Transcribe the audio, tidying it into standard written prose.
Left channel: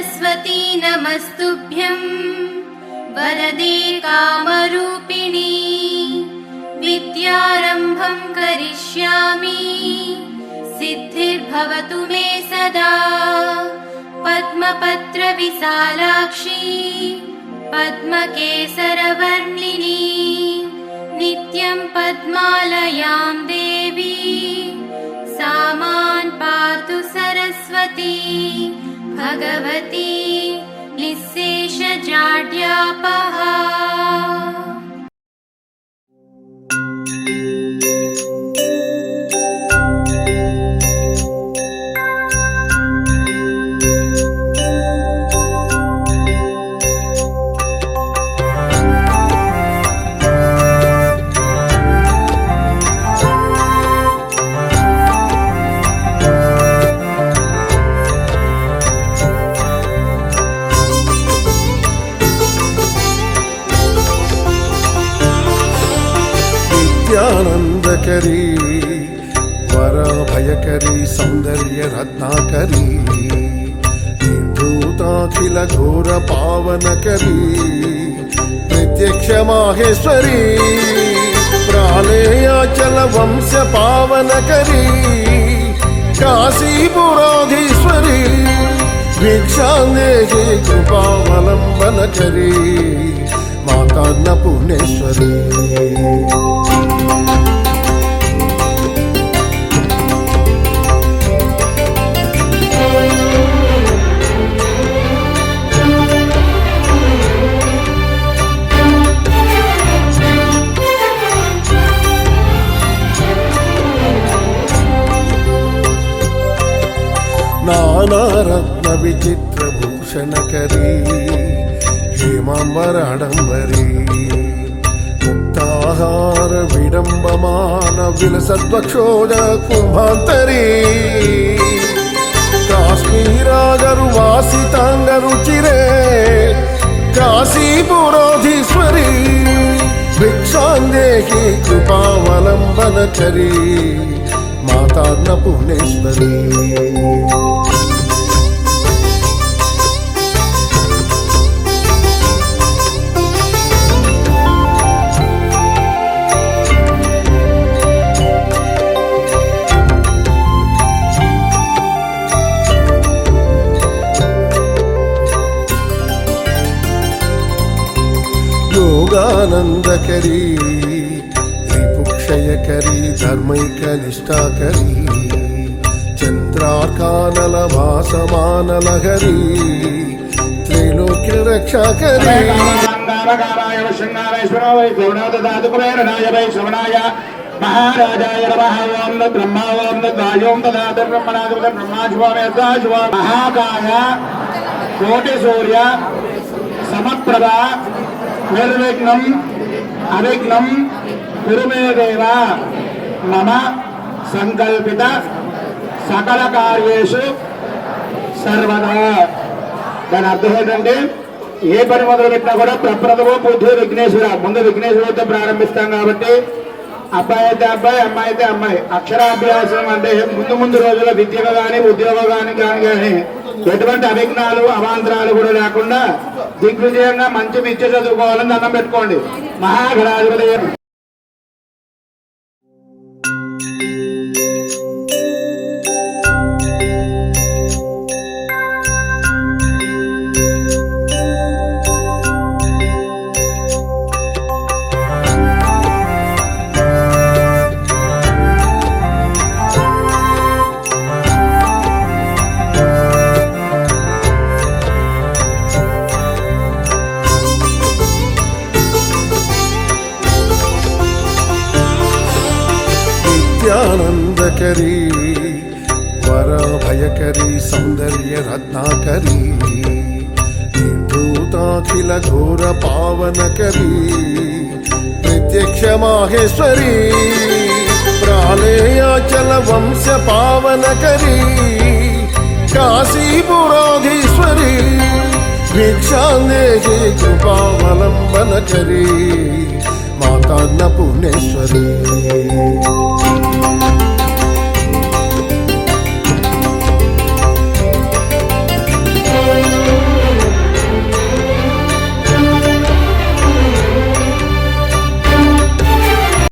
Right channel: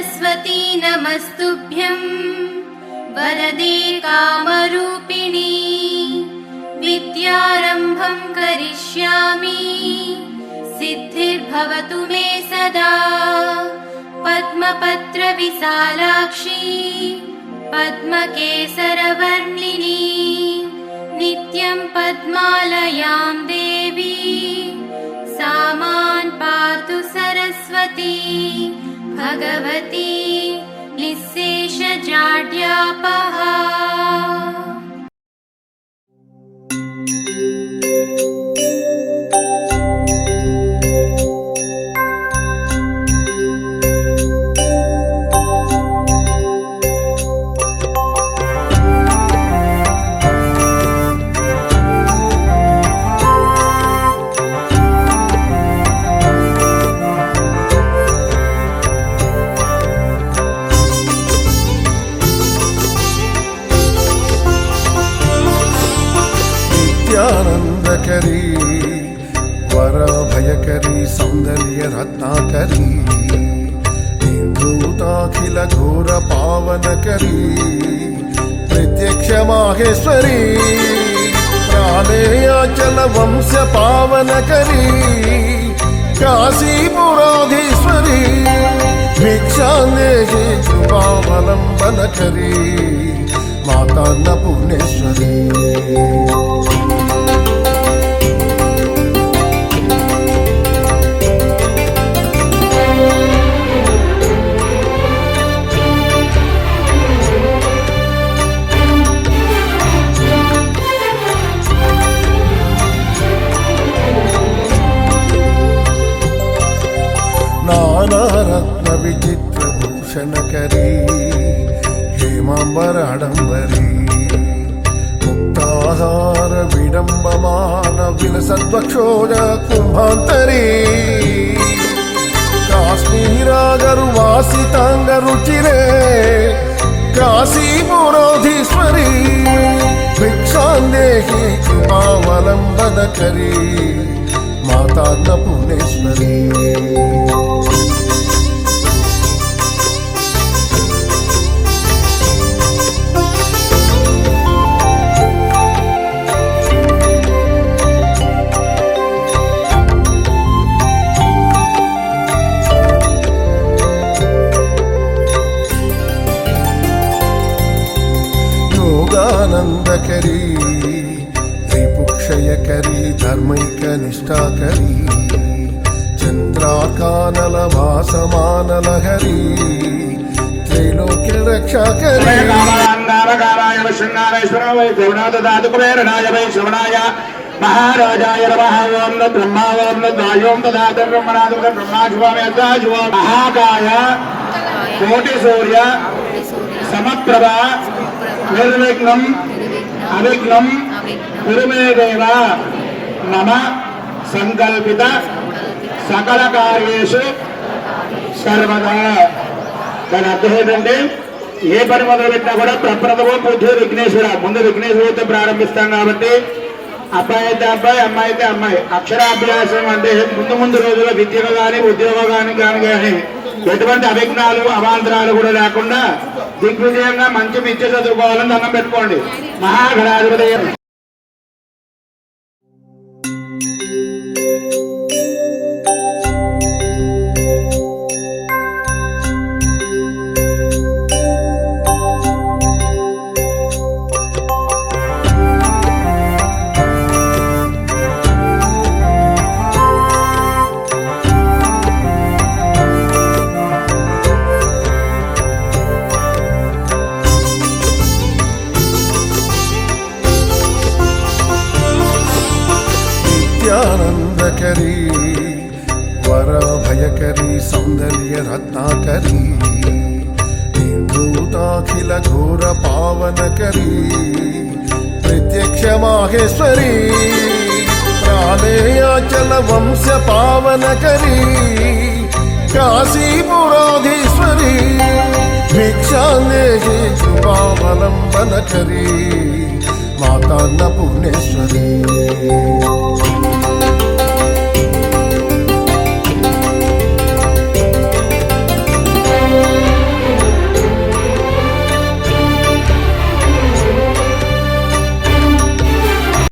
सरस्वती नमस्तुभ्यं वरदे कामरूपिणी विद्यारम्भं करिष्यामि सिद्धिर्भवतु मे सदा पद्मपत्रविशालाक्षी पद्मकेसरवर्णिनी नित्यं पद्मालयां देवी सा मां पातु सरस्वती भगवती निःशेषजाड्यापहा। आनंदकरी वरभयकरी सौंदर्य रत्नाकरी भूताखिल घोर पावनकरी प्रत्यक्ष माहेश्वरी प्रालेयाचल वंश पावनकरी काशीपुराधीश्वरी भिक्षांदेहि कृपावलंबनकरी माता अन्नपूर्णेश्वरी। नानारत्न विचित्रभूषणकरी हेमाम्बराडम्बरी मुक्ताहार विडम्बमान विलसद्वक्षोज कुम्भान्तरी काश्मीरागरुवासिताङ्गरुचिरे काशीपुराधीश्वरी भिक्षान्देहि कृपावलम्बनकरी माता अन्नपूर्णेश्वरी। योगानंदकरी रिपुक्षयकरी धर्मैकनिष्ठाकरी चंद्राकानलभासमानलहरी त्रैलोक्यरक्षाकरी महाराजाय नमः। ओम न ब्रह्मा ओम न वायों तदातु ब्रह्मणादु ब्रह्माजुवामेताजुवा महाकाय कोटि सूर्य समप्रभा निर्विघ्नं अविघ्नं कुरुमे देव मम संकल्पित सकल कार्येषु सर्वदा। దాని అర్థం ఏంటంటే ఏ పని మొదలు పెట్టినా కూడా ప్రప్రథమ పూజ విఘ్నేశ్వర ముందు విఘ్నేశ్వరుడితో ప్రారంభిస్తాం కాబట్టి అబ్బాయి అయితే అబ్బాయి అమ్మాయి అయితే అమ్మాయి అక్షరాభ్యాసం అంటే ముందు ముందు రోజుల్లో విద్యలో కానీ ఉద్యోగం కానీ ఎటువంటి అవిఘ్నాలు అవాంతరాలు కూడా లేకుండా దిగ్విజయంగా మంచి విద్య చదువుకోవాలని దండం పెట్టుకోండి మహాగణాధిపతి। आनंदकरी वरभयकरी सौंदर्य रत्नाकरी भूताखिल घोर पावनकरी प्रत्यक्ष माहेश्वरी प्रालेयाचल वंश पावनकरी काशीपुराधीश्वरी भिक्षांदेहि कृपावलंबनकरी माता अन्नपूर्णेश्वरी।